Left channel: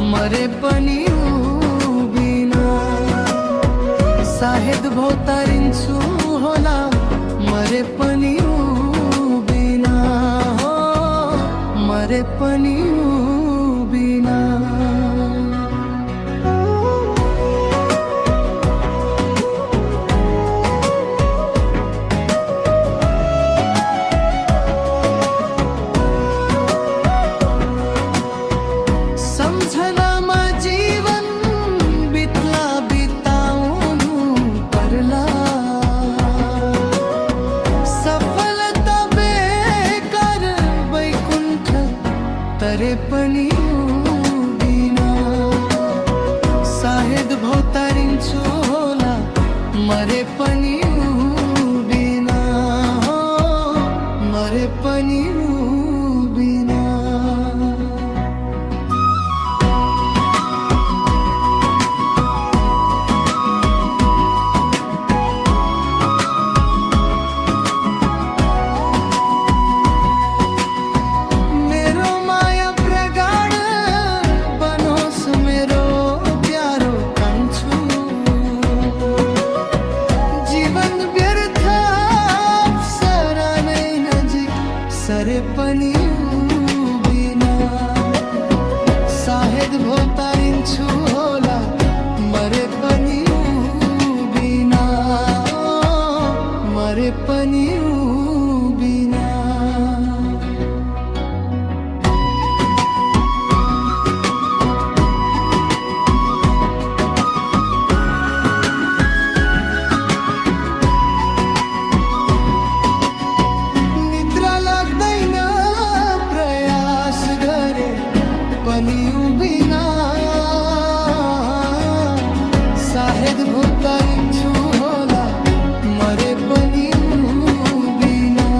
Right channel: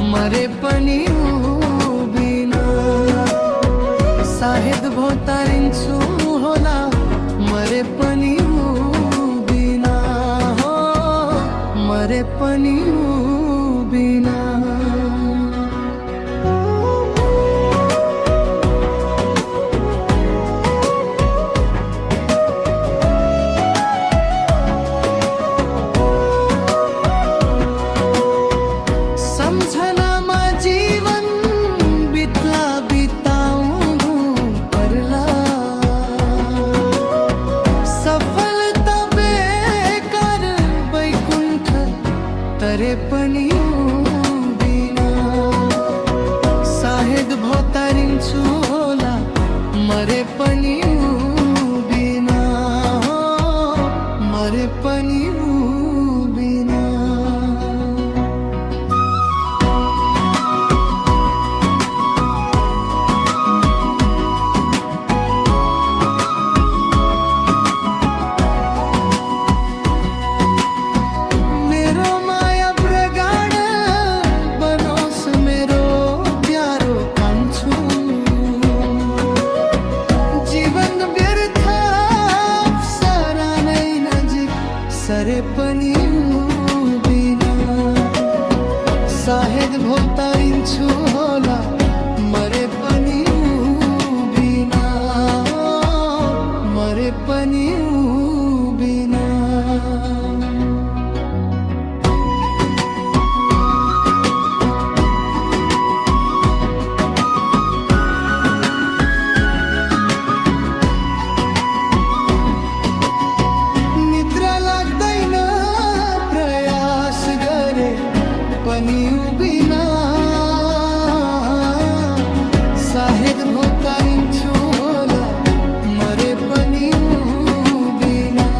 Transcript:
मरे पनि उभिना। सायद भौतारिन्छु होला मरे पनि उभिना हो, मरे पनि उभिना। सम्झनामा जीवन बित्ला बिताउनु पर्ला। सफलता बेकार वैकुण्ठ तरे पनि उभिना। सायद भौतारिन्छु होला मरे पनि उभिना हो, मरे पनि उभिना। मेरो माया प्रगाढ बनोस् मेरो प्यारो कान्छो। जीवन व्यर्थ अप्सरा नै नजिक सरे पनि उभिना। सायद भौतारिन्छु होला मरे पनि उभिना, मरे पनि उभिना। निद्रा लाग्दैन प्रयास गरे पनि उभिना। सायद भौतारिन्छु होला मरे पनि उभिना।